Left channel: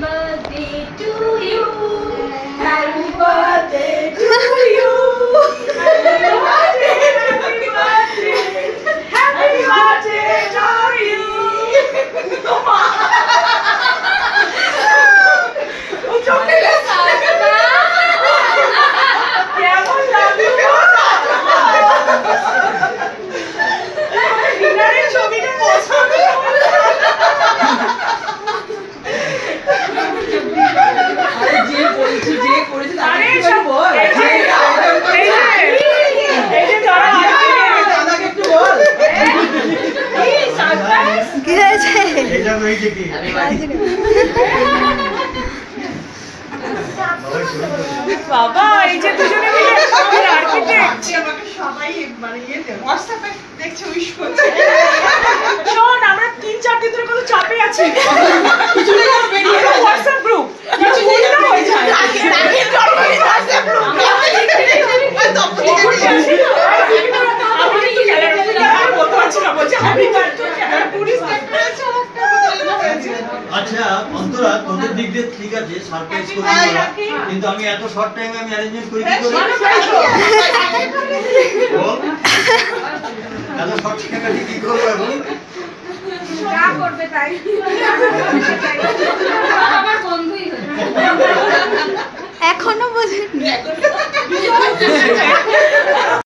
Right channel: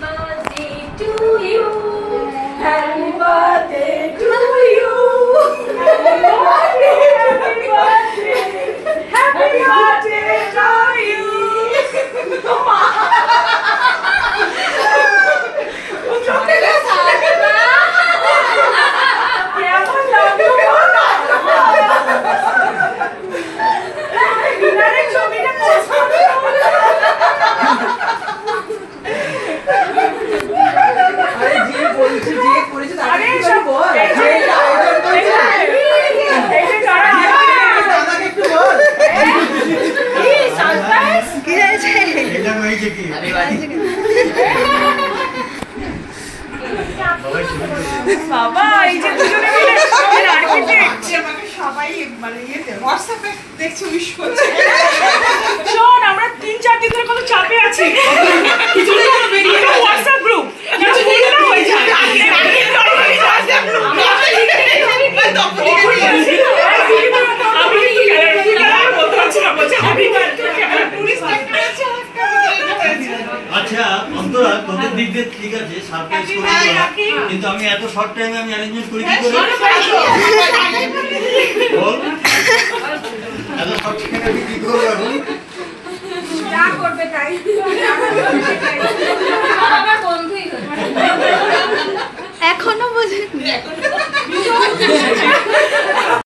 birthday to you. Happy birthday to you. Happy birthday, happy birthday. Happy birthday to you. কেমন লাগলো? ডিনারের ছবিটা post করো। আরে যে বলছি যে করেছে আরে তাকে সব বল এই যে দাদাকে একটু বল এই সারপ্রাইজ কি হয়েছে? এটা ওই যে কি বাবা এই যে দুজনে মিলে এর আর্কিটেক্ট আমাকে সবাই মানে ইয়েতে হোয়াটসঅ্যাপে দেখছে উইশ করছে শোন আমরা 3-4 দিন ধরে কত চাপে আছি কিছু না বেরিয়ে হোয়াটসঅ্যাপ গ্রুপ কিছু ভুল না হয়ে যায় আচ্ছা অন্তরা তোদের দিক দিয়ে ঠিক আছে সারপ্রাইজ করে দিলাম কিন্তু আমি এত শর্ট টাইমে আমি অ্যারেঞ্জমেন্ট করি কি করে বল এত শর্ট টাইমে আমি কি করব এখন যা করবে তাই আমার বন্ধুই এখনো বোঝেনি।